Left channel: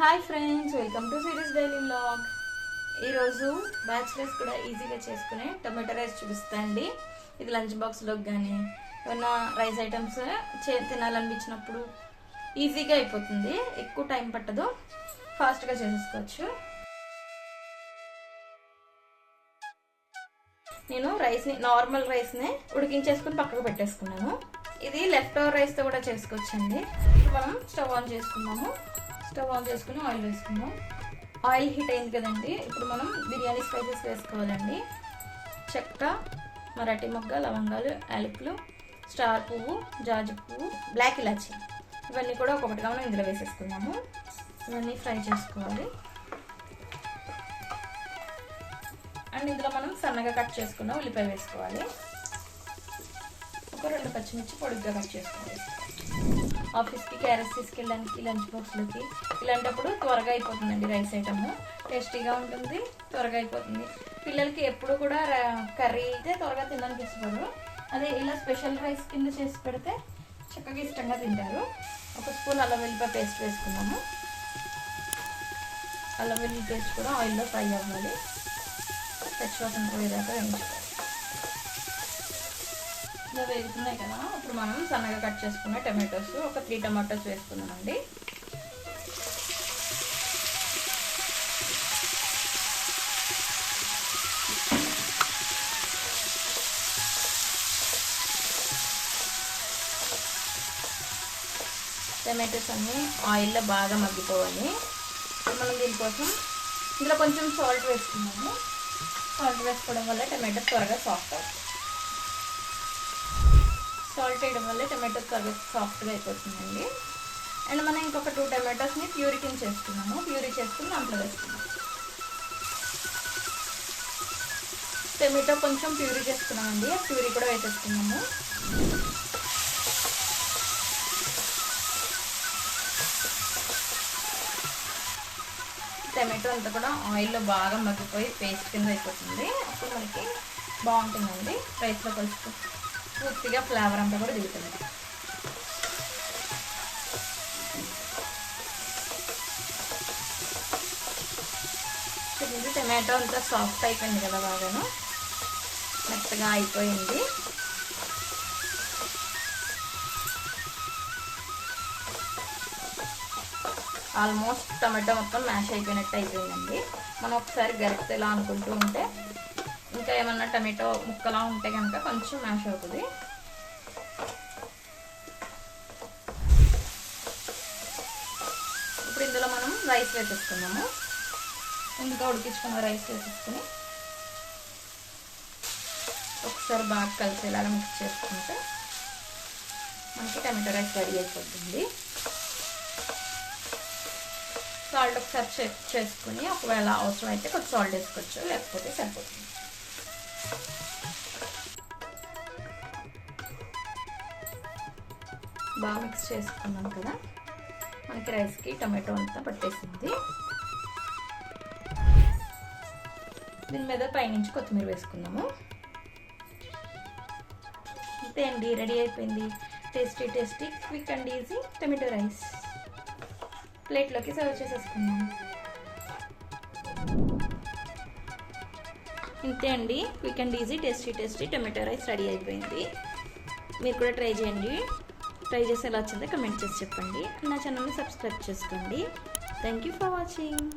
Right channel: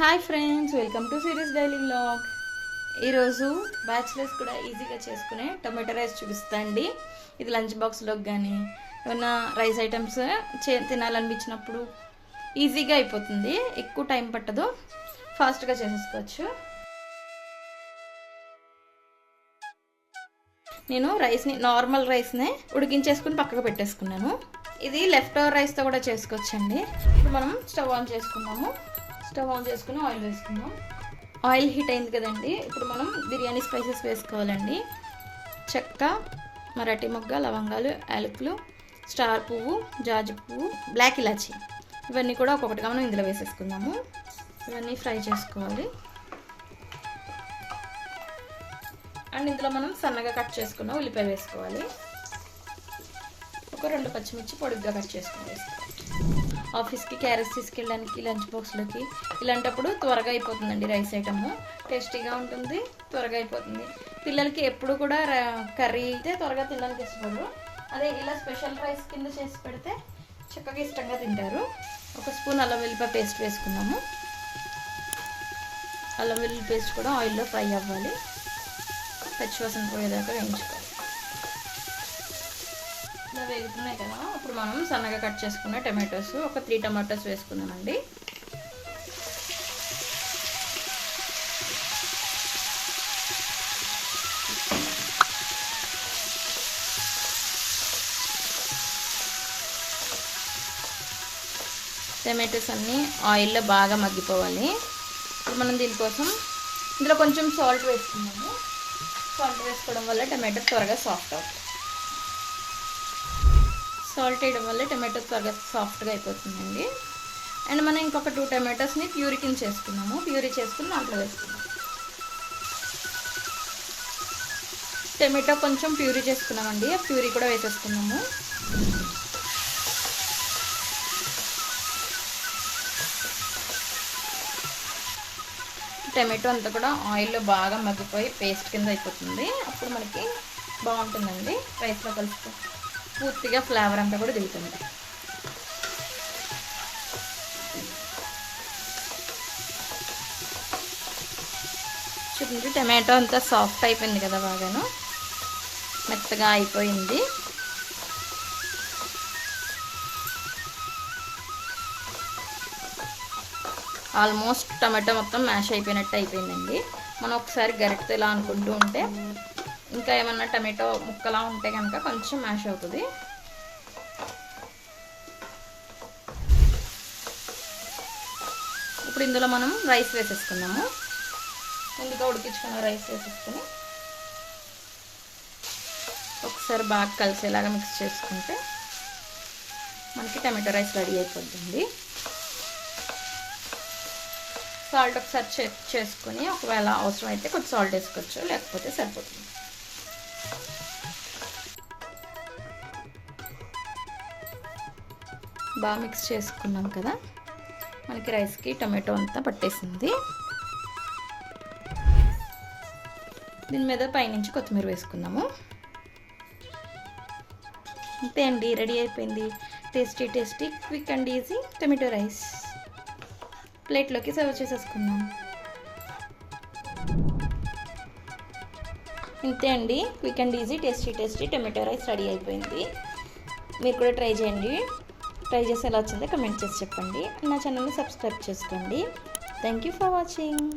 Hi friends welcome to series daily blog ఈరోజు bachelors కూడా ఈజీగా చేసుకునే టమాటో రైస్ చూపిస్తా అండి. ఇది లంచ్ బాక్స్లోకి కానీ ఏమైనా రైస్ ఐటమ్స్ చే తినాలనిపించినప్పుడు ఈజీగా అయిపోతుంది. ఎక్కువ టైం పట్టదు. ఫాస్ట్గా చేసేసుకోవచ్చు నేను రైస్ని నార్మల్ రైస్ని ఉడికించేసుకుని పక్కకు పెట్టేసుకున్నాను. ఇది లెఫ్ట్ ఓవర్ రైస్తో కూడా చేసుకోవచ్చండి. ఇప్పుడు మనం స్టవ్ ఆన్ చేసుకున్నాము స్టవ్ ఆన్ చేసుకుని ఆయిల్ వేసుకుందాం. ఆయిల్ హీట్ అయింది కదండి ఇప్పుడు మనం బిర్యానీ స్పైసెస్ వేసుకోవాలండి. చెక్క మరాఠీ మొగ్గ లవంగాలు యాలకులు స్టార్ పువ్వు జాజి పువ్వు బ్లాక్ ఇలాచి. ఇవన్నీ కూడా ఒక్కొక్కటిగా మనం ఇందులో వేసేసుకుందాము. ఇవన్నీ ఫ్రై చేసుకోవాలి. అండ్ ఇందులో మనం సన్నగా కట్ చేసుకున్న ఉల్లిపాయ వేసుకోవాలి. ఒక రెండు పచ్చిమిర్చి పొడుగ్గా కట్ చేసుకోవాలి. ఆఫీస్కి క్యారెట్స్ తీసుకెళ్ళడానికి లంచ్ బాక్స్లోకి. ఇలాంటప్పుడు త్వరగా అయిపోతుందండి రైస్ ఐటమ్. టేస్టీగా ఉంటుంది త్వరగా అయిపోతుంది. పిల్లలకి ఎప్పుడు కూడా కర్రీ అయితే త్వరగా తినడానికి ఇష్టపడరు. అదే ఇలా స్పెషల్ రైస్ కింద చేసి పెడితే చక్కగా ఇష్టంగా తింటారు. ఒక స్పూన్ అల్లం వెల్లిపాయ పేస్ట్ వేసుకున్నాము. అల్లం వెల్లుల్లి పేస్ట్ కూడా ఆయిల్లో ఫ్రై అవ్వాలి. పచ్చివాసన పోయేదాకా వేయించుకోవాలి. ఇలా వేగుతున్నాయి కదా. ఇప్పుడు మనం సన్నగా కట్ చేసుకున్న టమాటోస్ ఒక త్రీ టమాటోస్ వేసుకున్నామండి టమాటోస్ అన్నీ ఆయిల్లో బాగా మగ్గిపోవాలి. మనం దీనికోసం ఇందులో కొంచెం సాల్ట్ వేసుకున్నాము సాల్ట్ వేసుకోవడం వల్ల టమాటో త్వరగా సాఫ్ట్ అవుతుంది. సాల్ట్ వేయడం వల్ల టమాటో త్వరగా సాఫ్ట్గా అయిపోతుందండి. అండ్ మనం ఇంకొక టూ టమాటోస్ని ప్యూరీ కింద చేసుకున్నాము. ప్యూరీ చేసుకుని దాంట్లో వేసుకున్నాము టమాటో కొంచెం ప్యూరీ చేసుకున్నామండి. ప్యూరీ కూడా వేసేసుకున్నాము. టమాటో అంతా కూడా ఆయిల్లో బాగా మగ్గిపోయి పేస్ట్ కింద అయిపోతుంది. అప్పుడు మనకి బాగుంటుందండి. రైస్లో కలుసుకు పూర్తిగా ఫ్లేవర్ అంతా కూడా దిగుతుంది. చూడండి టమాటో అంతా సాఫ్ట్ అయిపోయింది కదా బాగాను. మెత్తగా అయిపోయింది. ఆల్మోస్ట్ టమాటో మొత్తం మ్యాష్ అయిపోయినట్టు అయిపోయిందండి. మనం ఒకసారి గరిటె ఇలా అనుకుంటూ ఉంటే ఇంకా ఏమన్నా టమాటో ముక్కలా ఉంటే కనుక కొంచెం మ్యాష్ అవుతుంది. ఇప్పుడు ఇందులో మనం రైస్ వేసేసుకున్నాము ఇందులో ఉడికించుకున్న రైస్ వేసేసుకుని ఒకసారి బాగా కలిసేలాగా మిక్స్ చేసుకుంటే మనకి టమాటో రైస్ రెడీ అయిపోతుంది. సాల్ట్ ఒకసారి చెక్ చేసుకుని ఒకవేళ అవసరం అయితే కొంచెం సాల్ట్ వేసుకోవచ్చు లేకపోతే సరిపోతుంది. బాగా మిక్స్ చేసుకున్నాం కదా. మనకి రైస్కి టమాటో అంతా పట్టేసింది. దీని మీద పైనుంచి కొత్తిమీర వేసుకుందాము. అంతే అండి రెడీ అయిపోయింది. Tasty tasty quick and easy tomato rice. ప్లేట్లోకి సర్వ్ చేసేసుకున్నాం ఇంతే అండి. Quick and easy tasty tasty tomato rice ready అయిపోయింది. మీరు కూడా ట్రై చేయండి. ట్రై చేసి ఎలా వచ్చిందో కమెంట్ చేసి చెప్పండి. నా ఛానల్ని సబ్స్క్రైబ్ చేసుకోండి. Thank you for watching